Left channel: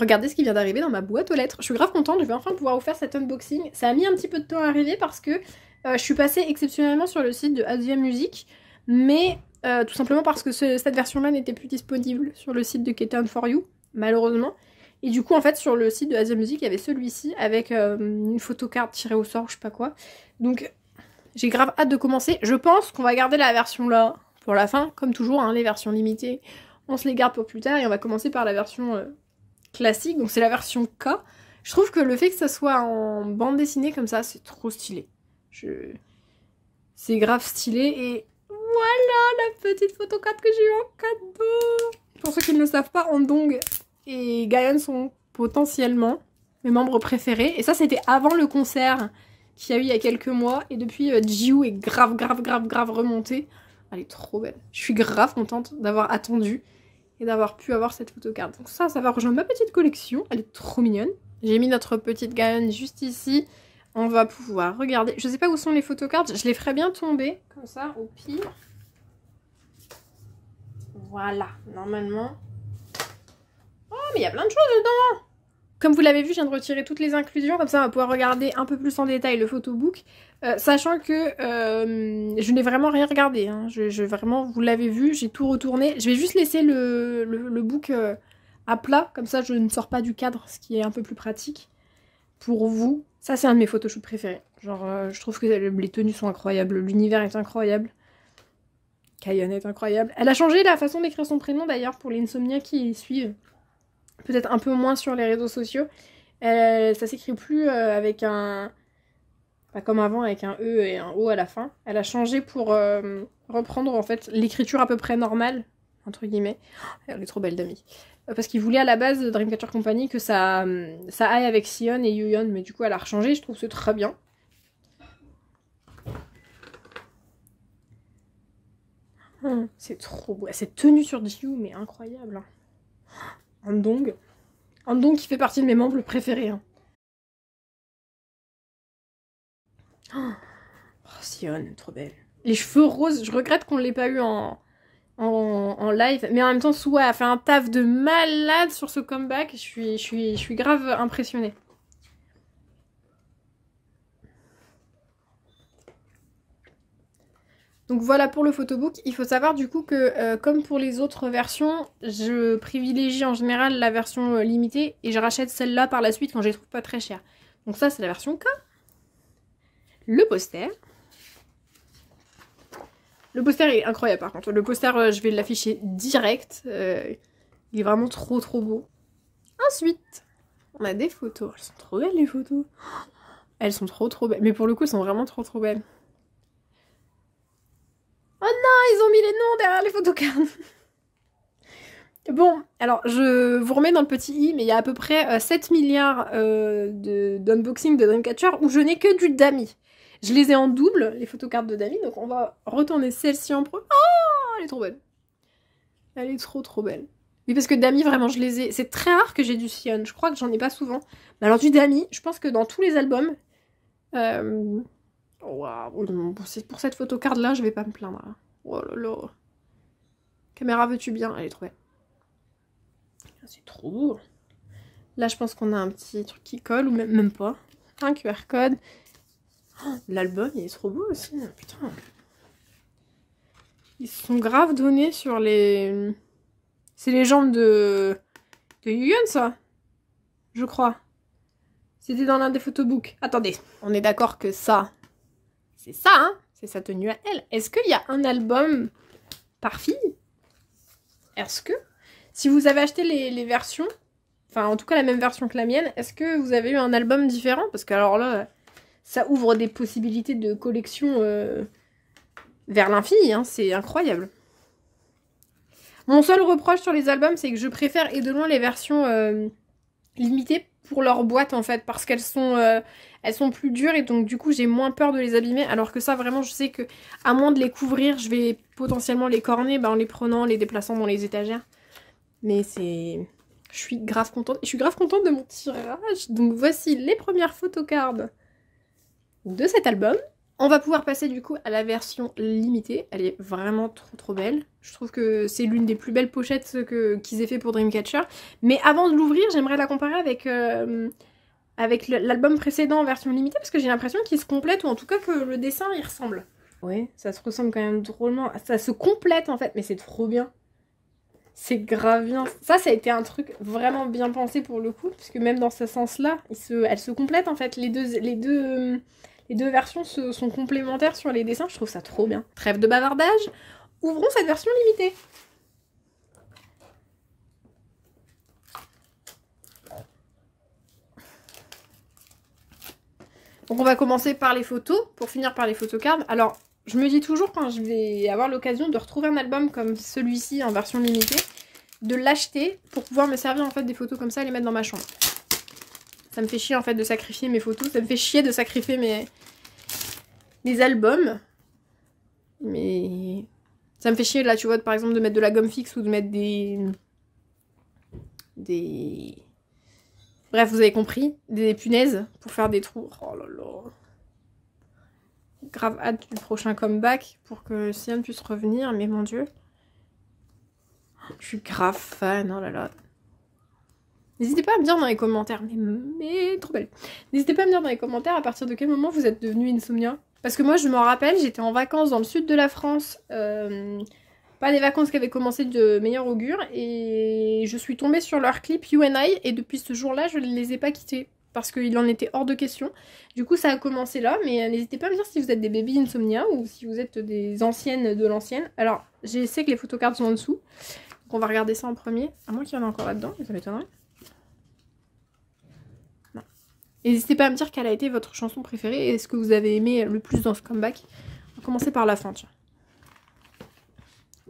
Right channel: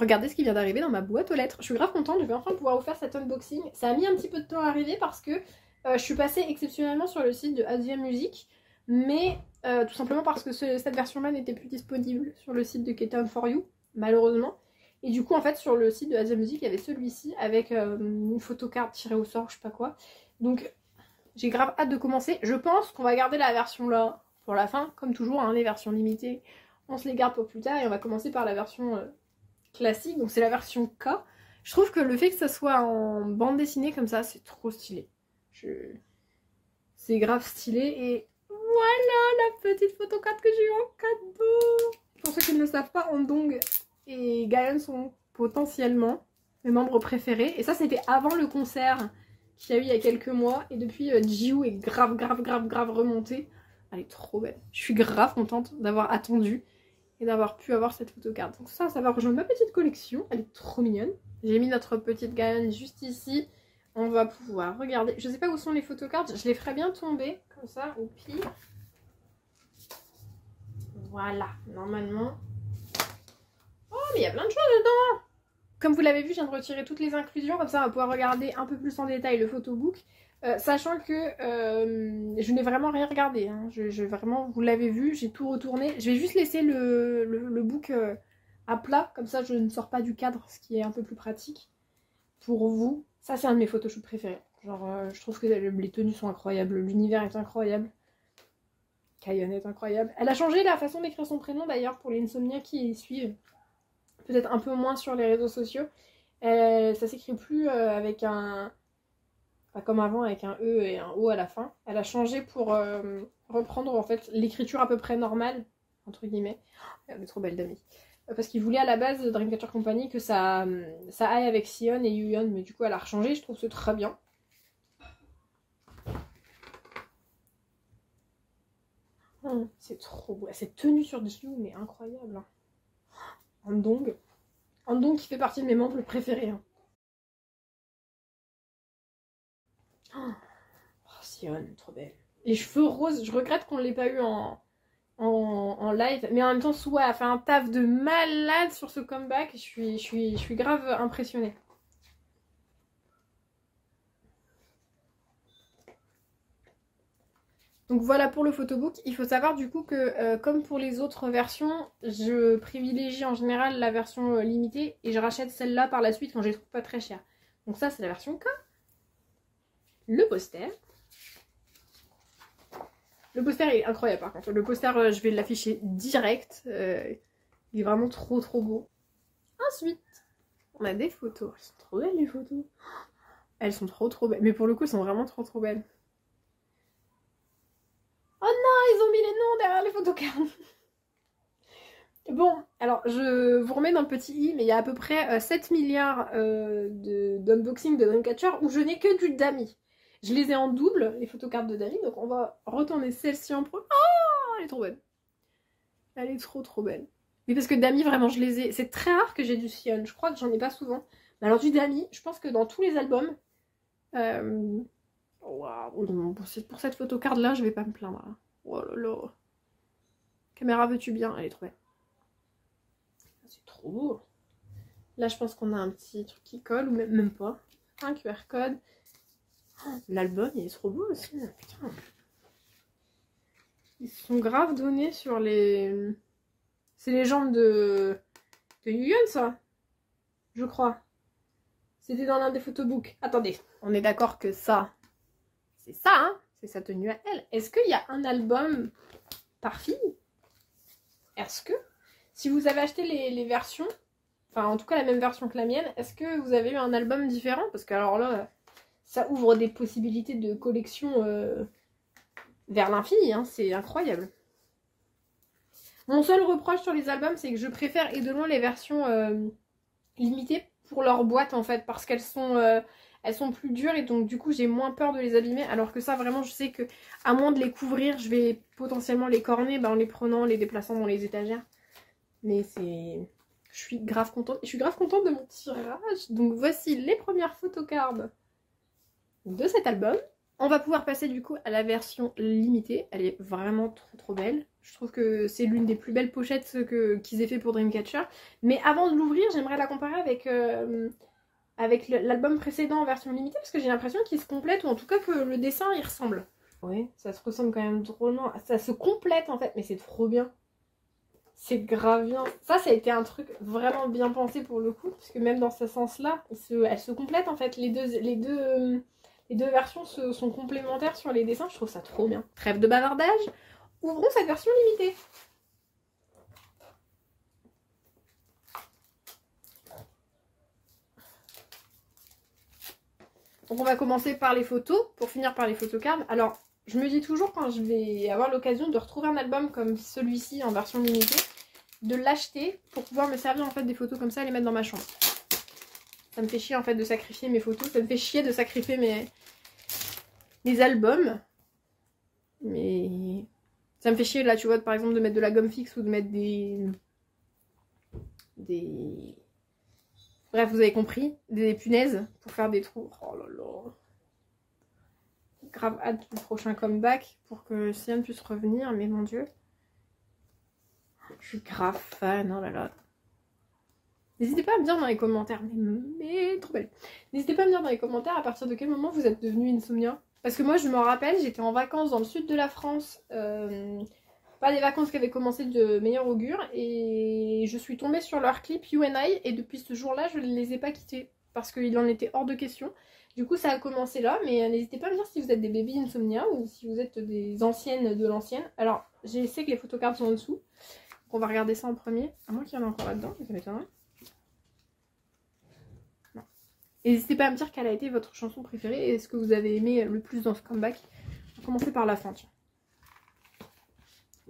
regardez ce qui vient d'arriver dans ma boîte aux lettres. Je suis grave contente, je vais enfin pouvoir vous faire cet unboxing. Ça a mis un petit peu de temps à arriver parce que je suis passée exceptionnellement sur le site de Asia Music, mais tout simplement parce que cette version-là n'était plus disponible sur le site de Keten For You, malheureusement. Et du coup, en fait, sur le site de Asia Music, il y avait celui-ci avec une photocarte tirée au sort, je sais pas quoi. Donc, j'ai grave hâte de commencer. Je pense qu'on va garder la version là pour la fin, comme toujours, hein, les versions limitées. On se les garde pour plus tard et on va commencer par la version classique. Donc, c'est la version K. Je trouve que le fait que ça soit en bande dessinée comme ça, c'est trop stylé. C'est grave stylé et voilà la petite photocarte que j'ai eu en cadeau. Pour ceux qui ne le savent pas, Andong et Gayeon sont potentiellement mes membres préférés. Et ça, c'était avant le concert qu'il y a eu il y a quelques mois. Et depuis, Jiwoo est grave remontée. Elle est trop belle. Je suis grave contente d'avoir attendu et d'avoir pu avoir cette photocarte. Donc ça va rejoindre ma petite collection. Elle est trop mignonne. J'ai mis notre petite Gayeon juste ici. On va pouvoir regarder. Je sais pas où sont les photocartes. Je les ferai bien tomber, comme ça, au pire. Voilà, normalement. Oh, mais il y a plein de choses dedans! Comme vous l'avez vu, je viens de retirer toutes les inclusions. Comme ça, on va pouvoir regarder un peu plus en détail le photobook. Sachant que je n'ai vraiment rien regardé. Hein. Vraiment, vous l'avez vu, j'ai tout retourné. Je vais juste laisser le book à plat. Comme ça, je ne sors pas du cadre, ce qui est un peu plus pratique pour vous. Ça, c'est un de mes photoshoots préférés. Genre, je trouve que les tenues sont incroyables. L'univers est incroyable. Gayeon est incroyable. Elle a changé la façon d'écrire son prénom, d'ailleurs, pour les insomniaques qui suivent. Peut-être un peu moins sur les réseaux sociaux. Ça s'écrit plus avec un... Pas comme avant, avec un E et un O à la fin. Elle a changé pour reprendre, en fait, l'écriture à peu près normale, entre guillemets. Elle est trop belle, Dami. Parce qu'ils voulaient à la base de Dreamcatcher Company que ça aille avec Sion et Yuyeon, mais du coup elle a rechangé, je trouve que c'est très bien. C'est trop beau. Cette tenue sur Jiwoo, mais incroyable. Andong. Andong qui fait partie de mes membres préférés. Hein. Oh, Sion, trop belle. Les cheveux roses, je regrette qu'on ne l'ait pas eu en live, mais en même temps, Suwa a fait un taf de malade sur ce comeback. Je suis grave impressionnée. Donc voilà pour le photobook. Il faut savoir du coup que comme pour les autres versions, je privilégie en général la version limitée et je rachète celle-là par la suite quand je les trouve pas très chères. Donc ça c'est la version K. Le poster. Le poster est incroyable par contre. Le poster je vais l'afficher direct. Il est vraiment trop beau. Ensuite, on a des photos. Elles sont trop belles les photos. Elles sont trop belles. Mais pour le coup elles sont vraiment trop belles. Oh non, ils ont mis les noms derrière les photocards. Bon, alors je vous remets dans le petit i, mais il y a à peu près 7 milliards d'unboxing de Dreamcatcher où je n'ai que du Dami. Je les ai en double, les photocartes de Dami, donc on va retourner celle-ci en premier. Oh, elle est trop belle. Elle est trop belle. Oui, parce que Dami, vraiment, je les ai... C'est très rare que j'ai du Sion, je crois que j'en ai pas souvent. Mais alors du Dami, je pense que dans tous les albums... Waouh, pour cette photocarte-là, je vais pas me plaindre. Hein. Oh là là. Caméra, veux-tu bien? Elle est trop belle. C'est trop beau. Là, je pense qu'on a un petit truc qui colle, ou même pas. Un QR code. Oh, l'album, il est trop beau aussi. Putain. Ils se sont grave donnés sur les... C'est les jambes de Yuyeon, ça? Je crois. C'était dans l'un des photobooks. Attendez. On est d'accord que ça, c'est ça, hein? C'est sa tenue à elle. Est-ce qu'il y a un album par fille? Est-ce que... Si vous avez acheté les versions, enfin en tout cas la même version que la mienne, est-ce que vous avez eu un album différent? Parce que alors là, ça ouvre des possibilités de collection vers l'infini, hein, c'est incroyable. Mon seul reproche sur les albums, c'est que je préfère et de loin les versions limitées pour leur boîte en fait, parce qu'elles sont plus dures et donc du coup j'ai moins peur de les abîmer, alors que ça vraiment je sais que à moins de les couvrir, je vais potentiellement les corner en les prenant, les déplaçant dans les étagères. Mais c'est... Je suis grave contente. Et je suis grave contente de mon tirage. Donc voici les premières photocards de cet album. On va pouvoir passer du coup à la version limitée. Elle est vraiment trop belle. Je trouve que c'est l'une des plus belles pochettes qu'ils aient fait pour Dreamcatcher. Mais avant de l'ouvrir, j'aimerais la comparer avec, avec l'album précédent en version limitée parce que j'ai l'impression qu'ils se complètent ou en tout cas que le dessin il ressemble. Oui, ça se ressemble quand même drôlement. Ça se complète en fait, mais c'est trop bien. C'est grave bien. Ça a été un truc vraiment bien pensé pour le coup, puisque même dans ce sens-là, elles se complètent en fait. Les deux versions sont complémentaires sur les dessins, je trouve ça trop bien. Trêve de bavardage, ouvrons cette version limitée. Donc on va commencer par les photos, pour finir par les photocards. Alors, je me dis toujours quand je vais avoir l'occasion de retrouver un album comme celui-ci en version limitée, de l'acheter pour pouvoir me servir en fait des photos comme ça et les mettre dans ma chambre. Ça me fait chier en fait de sacrifier mes photos, ça me fait chier de sacrifier mes albums. Mais ça me fait chier là, tu vois, par exemple de mettre de la gomme fixe ou de mettre des... Bref, vous avez compris, des punaises pour faire des trous. Oh là là. Grave hâte du prochain comeback pour que Sian puisse revenir, mais mon dieu. Je suis grave fan, oh là là. N'hésitez pas à me dire dans les commentaires, mais trop belle. N'hésitez pas à me dire dans les commentaires à partir de quel moment vous êtes devenu Insomnia. Parce que moi je m'en rappelle, j'étais en vacances dans le sud de la France, pas des vacances qui avaient commencé de meilleur augure, et je suis tombée sur leur clip You and I, et depuis ce jour-là je ne les ai pas quittés, parce qu'il en était hors de question. Du coup ça a commencé là, mais n'hésitez pas à me dire si vous êtes des baby Insomnia, ou si vous êtes des anciennes de l'ancienne. Alors, je sais que les photocards sont en dessous, donc on va regarder ça en premier, à moins qu'il y en ait encore là-dedans, ça m'étonnerait. N'hésitez pas à me dire quelle a été votre chanson préférée et ce que vous avez aimé le plus dans ce comeback. On va commencer par la fin, tiens.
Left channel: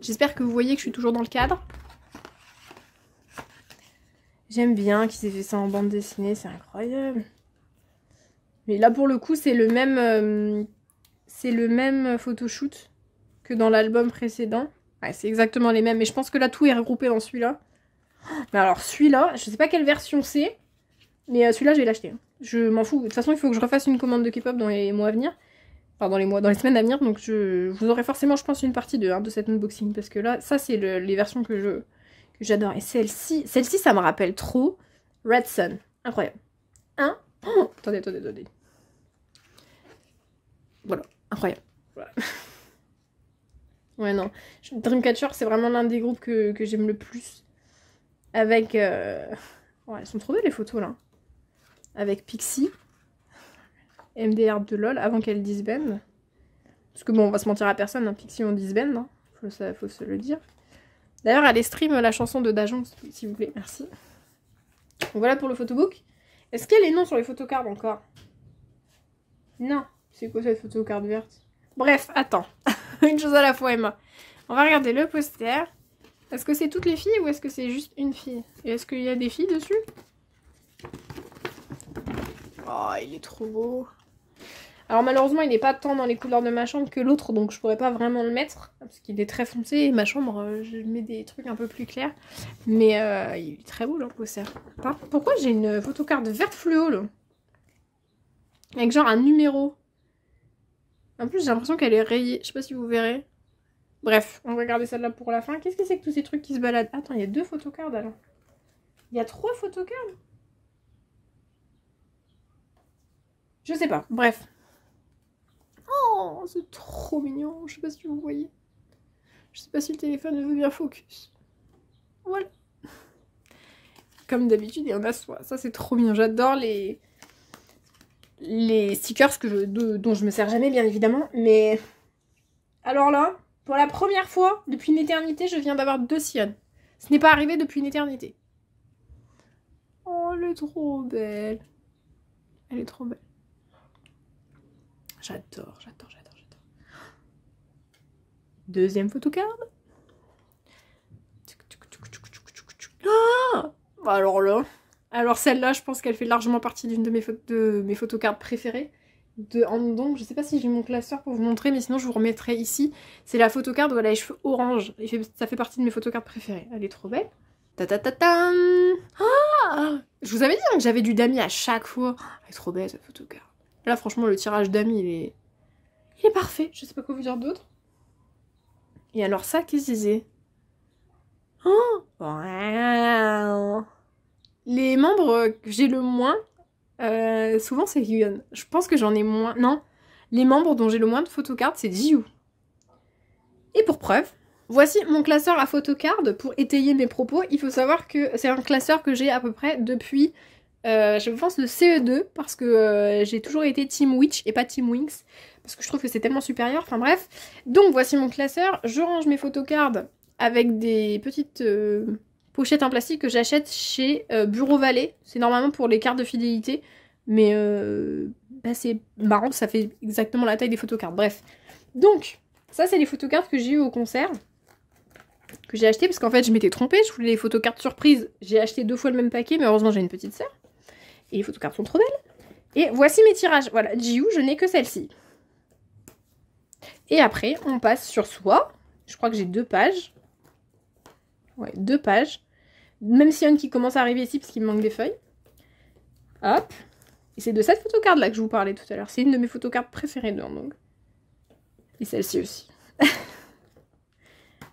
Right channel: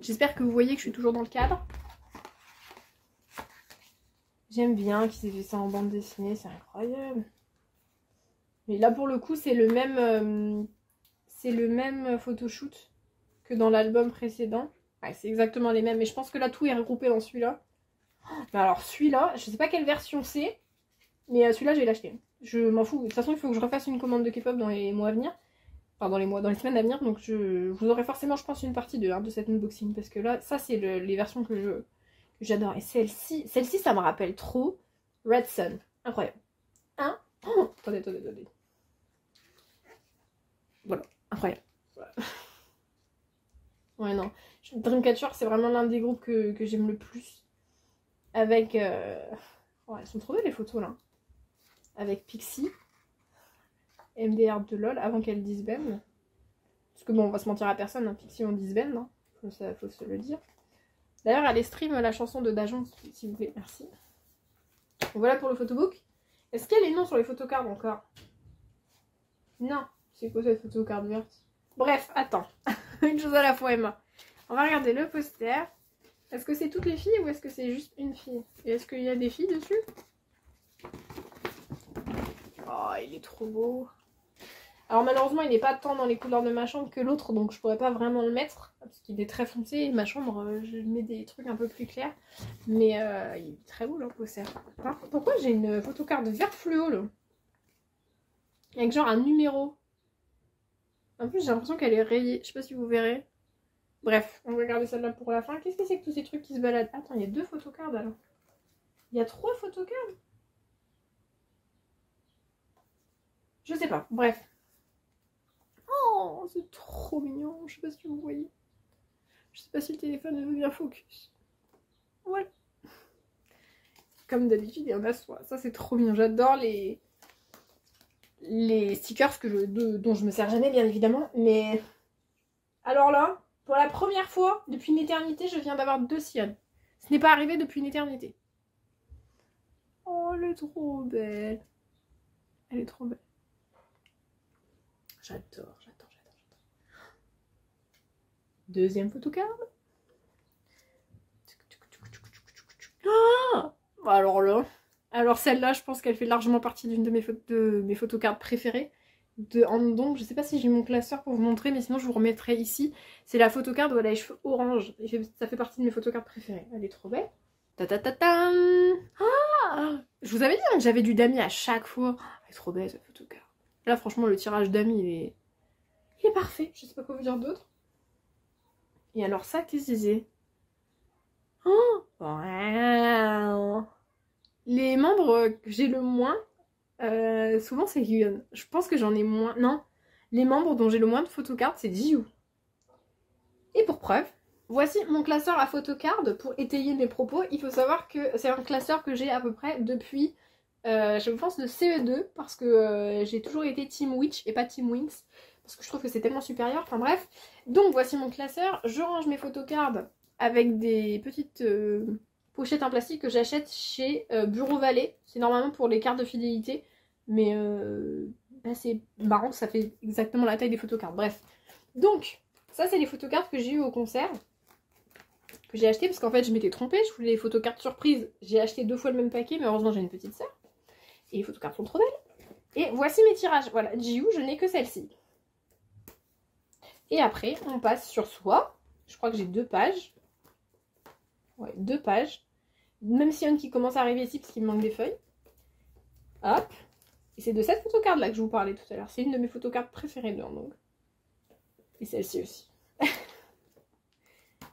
J'espère que vous voyez que je suis toujours dans le cadre. J'aime bien qu'ils aient fait ça en bande dessinée, c'est incroyable. Mais là pour le coup c'est le même photoshoot que dans l'album précédent. Ouais, c'est exactement les mêmes, mais je pense que là tout est regroupé dans celui-là. Mais alors celui-là, je sais pas quelle version c'est, mais celui-là je vais l'acheter. Je m'en fous. De toute façon, il faut que je refasse une commande de K-pop dans les mois à venir. Enfin, dans les semaines à venir. Donc, vous aurez forcément, je pense, une partie de cet unboxing. Parce que là, ça, c'est les versions que j'adore. Et celle-ci, ça me rappelle trop Red Sun. Incroyable. Hein? Oh, attendez. Voilà. Incroyable. Voilà. Ouais, non. Dreamcatcher, c'est vraiment l'un des groupes que j'aime le plus. Avec... Ouais, elles sont trop belles, les photos, là. Avec Pixie, MDR de LOL, avant qu'elle disband. Parce que bon, on va se mentir à personne, hein, Pixie on disband, hein. Faut se le dire. D'ailleurs, allez stream la chanson de Dajon, s'il vous plaît, merci. Donc voilà pour le photobook. Est-ce qu'il y a les noms sur les photocards encore? Non, c'est quoi cette photocard verte? Bref, attends, une chose à la fois, Emma. On va regarder le poster. Est-ce que c'est toutes les filles ou est-ce que c'est juste une fille? Et est-ce qu'il y a des filles dessus? Oh, il est trop beau. Alors malheureusement, il n'est pas tant dans les couleurs de ma chambre que l'autre, donc je pourrais pas vraiment le mettre. Parce qu'il est très foncé et ma chambre, je mets des trucs un peu plus clairs. Mais il est très beau le poster. Pourquoi j'ai une photocarte verte fluo là? Avec genre un numéro. En plus, j'ai l'impression qu'elle est rayée. Je sais pas si vous verrez. Bref, on va garder celle-là pour la fin. Qu'est-ce que c'est que tous ces trucs qui se baladent? Attends, il y a 2 photocards alors. Il y a 3 photocards? Je sais pas, bref. Oh, c'est trop mignon. Je sais pas si vous voyez. Je sais pas si le téléphone veut bien focus. Voilà. Comme d'habitude, il y en a soit. Ça, c'est trop mignon. J'adore les stickers dont je me sers jamais, bien évidemment. Mais alors là, pour la première fois depuis une éternité, je viens d'avoir 2 Sian. Ce n'est pas arrivé depuis une éternité. Oh, elle est trop belle. Elle est trop belle. J'adore. Deuxième photocard. Ah, alors celle-là, je pense qu'elle fait largement partie d'une de mes photocards préférées. Donc, je sais pas si j'ai mon classeur pour vous montrer, mais sinon je vous remettrai ici. C'est la photocard où elle a les cheveux orange. Ça fait partie de mes photocards préférées. Elle est trop belle. Ta-ta-ta-tam. Ah, je vous avais dit hein, que j'avais du Dami à chaque fois. Elle est trop belle cette photocard. Là, franchement, le tirage Dami, il est Il est parfait, je sais pas quoi vous dire d'autre. Et alors ça, qu'est-ce que c'est? Oh wow. Les membres que j'ai le moins, souvent c'est Hyun. Je pense que j'en ai moins. Non, les membres dont j'ai le moins de photocards, c'est Jiwoo. Et pour preuve, voici mon classeur à photocard. Pour étayer mes propos, il faut savoir que c'est un classeur que j'ai à peu près depuis, je pense, le CE2, parce que j'ai toujours été Team Witch et pas Team Wings, parce que je trouve que c'est tellement supérieur, enfin bref. Donc voici mon classeur, je range mes photocards avec des petites pochettes en plastique que j'achète chez Bureau Vallée. C'est normalement pour les cartes de fidélité, mais bah, c'est marrant, ça fait exactement la taille des photocards. Bref, donc ça c'est les photocards que j'ai eu au concert, que j'ai acheté parce qu'en fait je m'étais trompée, je voulais les photocards surprises. J'ai acheté 2 fois le même paquet, mais heureusement j'ai une petite sœur. Et les photocards sont trop belles. Et voici mes tirages. Voilà, Jiwoo, je n'ai que celle-ci. Et après, on passe sur soi. Je crois que j'ai 2 pages. Ouais, 2 pages. Même s'il y en a une qui commence à arriver ici parce qu'il me manque des feuilles. Hop. Et c'est de cette photocard là que je vous parlais tout à l'heure. C'est une de mes photocards préférées de donc. Et celle-ci aussi.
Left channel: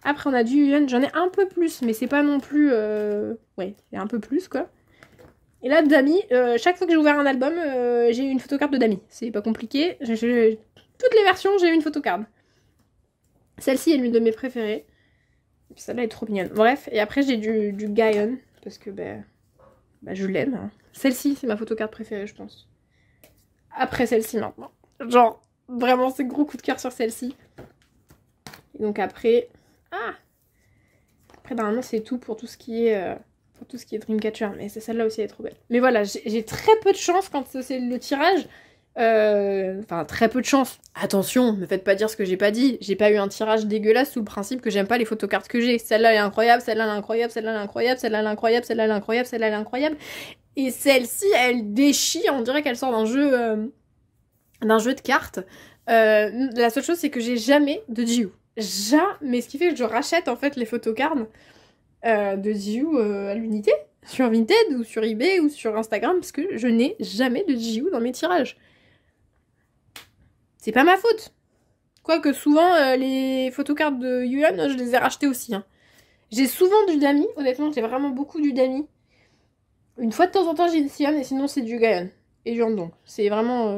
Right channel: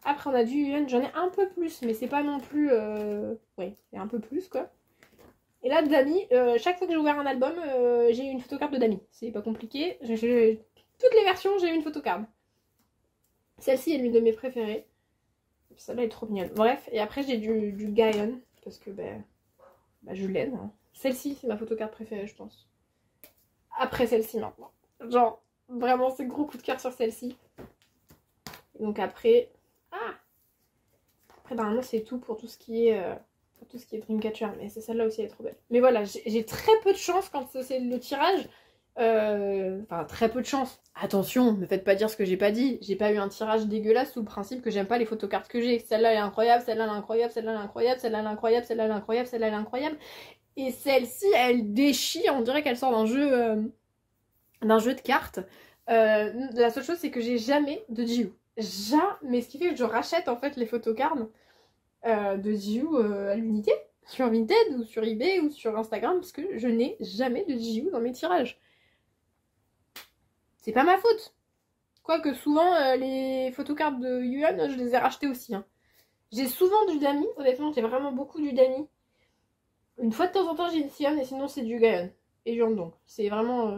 Après, on a du Hyun. J'en ai un peu plus, mais c'est pas non plus... Ouais, c'est un peu plus, quoi. Et là, Dami, chaque fois que j'ai ouvert un album, j'ai eu une photocard de Dami. C'est pas compliqué. Toutes les versions, j'ai eu une photocard. Celle-ci est l'une de mes préférées. Celle-là est trop mignonne. Bref, et après, j'ai du Gaon. Parce que, bah je l'aime. Hein. Celle-ci, c'est ma photocard préférée, je pense. Après celle-ci, maintenant. Genre, vraiment, c'est gros coup de cœur sur celle-ci. Et donc après... Ah! Après, normalement, c'est tout pour tout ce qui est... Pour tout ce qui est Dreamcatcher, mais celle-là aussi elle est trop belle. Mais voilà, j'ai très peu de chance quand c'est le tirage. Enfin, très peu de chance. Attention, me faites pas dire ce que j'ai pas dit. J'ai pas eu un tirage dégueulasse sous le principe que j'aime pas les photocards que j'ai. Celle-là est incroyable, celle-là est incroyable, celle-là est incroyable, celle-là est incroyable, celle-là est incroyable, celle-là est incroyable. Et celle-ci, elle déchire, on dirait qu'elle sort d'un jeu de cartes. La seule chose, c'est que j'ai jamais de Jiwoo. Jamais. Ce qui fait que je rachète en fait les photocards de Jiwoo à l'unité, sur Vinted ou sur eBay ou sur Instagram, parce que je n'ai jamais de Jiwoo dans mes tirages. C'est pas ma faute. Quoique souvent, les photocards de Hyun, je les ai rachetés aussi. Hein. J'ai souvent du Dami, honnêtement, j'ai vraiment beaucoup du Dami. Une fois de temps en temps, j'ai du Hyun, et sinon c'est du Gaon. Et du Handong. C'est vraiment...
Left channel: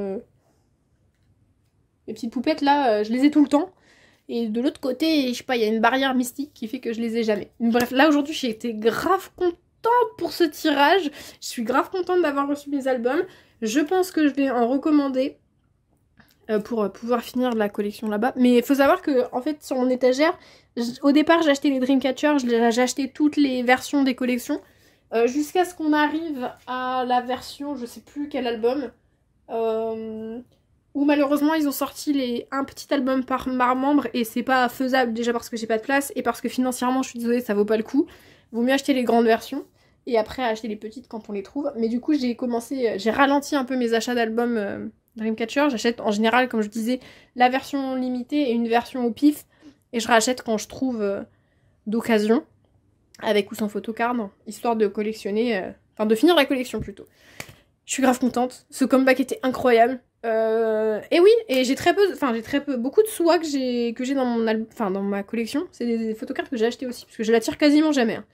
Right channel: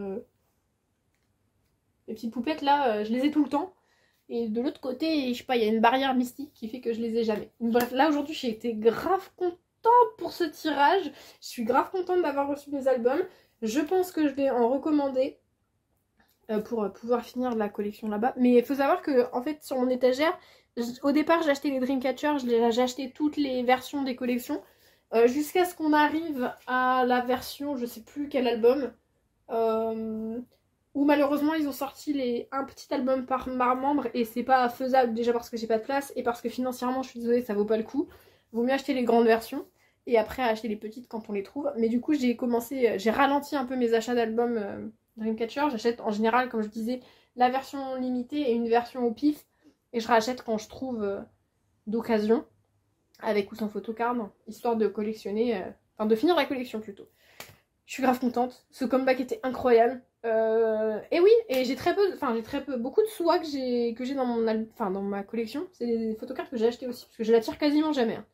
Les petites poupettes, là, je les ai tout le temps. Et de l'autre côté, je sais pas, il y a une barrière mystique qui fait que je les ai jamais. Bref, là aujourd'hui, j'ai été grave contente pour ce tirage. Je suis grave contente d'avoir reçu mes albums. Je pense que je vais en recommander pour pouvoir finir la collection là-bas. Mais il faut savoir que, en fait, sur mon étagère, au départ, j'ai acheté les Dreamcatcher, j'ai acheté toutes les versions des collections. Jusqu'à ce qu'on arrive à la version, je sais plus quel album, où malheureusement ils ont sorti un petit album par membre et c'est pas faisable, déjà parce que j'ai pas de place et parce que financièrement je suis désolée, ça vaut pas le coup. Vaut mieux acheter les grandes versions et après acheter les petites quand on les trouve. Mais du coup j'ai ralenti un peu mes achats d'albums Dreamcatcher. J'achète en général, comme je disais, la version limitée et une version au pif et je rachète quand je trouve d'occasion, avec ou sans photocard, histoire de collectionner, enfin de finir la collection plutôt. Je suis grave contente, ce comeback était incroyable. Et oui, et j'ai beaucoup de soie que j'ai dans ma collection. C'est des photocards que j'ai acheté aussi, parce que je la tire quasiment jamais. Hein.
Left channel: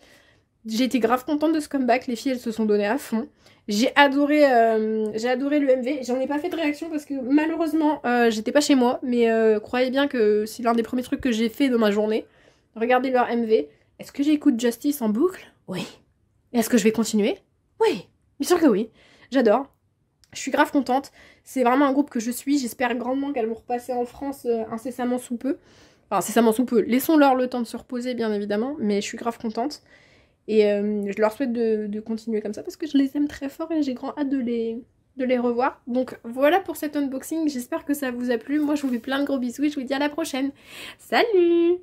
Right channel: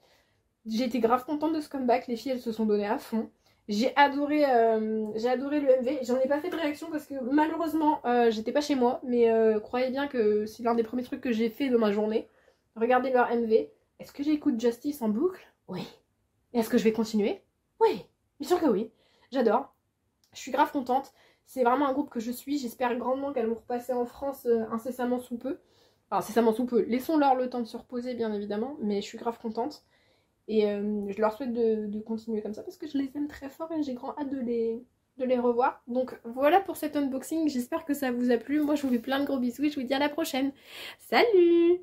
J'ai été grave contente de ce comeback, les filles elles se sont données à fond. J'ai adoré le MV, j'en ai pas fait de réaction parce que malheureusement j'étais pas chez moi, mais croyez bien que c'est l'un des premiers trucs que j'ai fait dans ma journée. Regardez leur MV. Est-ce que j'écoute Justice en boucle? Oui. Est-ce que je vais continuer? Oui, bien sûr que oui. J'adore. Je suis grave contente. C'est vraiment un groupe que je suis. J'espère grandement qu'elles vont repasser en France incessamment sous peu. Enfin, incessamment sous peu. Laissons-leur le temps de se reposer, bien évidemment. Mais je suis grave contente. Et je leur souhaite de continuer comme ça parce que je les aime très fort et j'ai grand hâte de les revoir. Donc voilà pour cet unboxing. J'espère que ça vous a plu. Moi, je vous fais plein de gros bisous et je vous dis à la prochaine. Salut!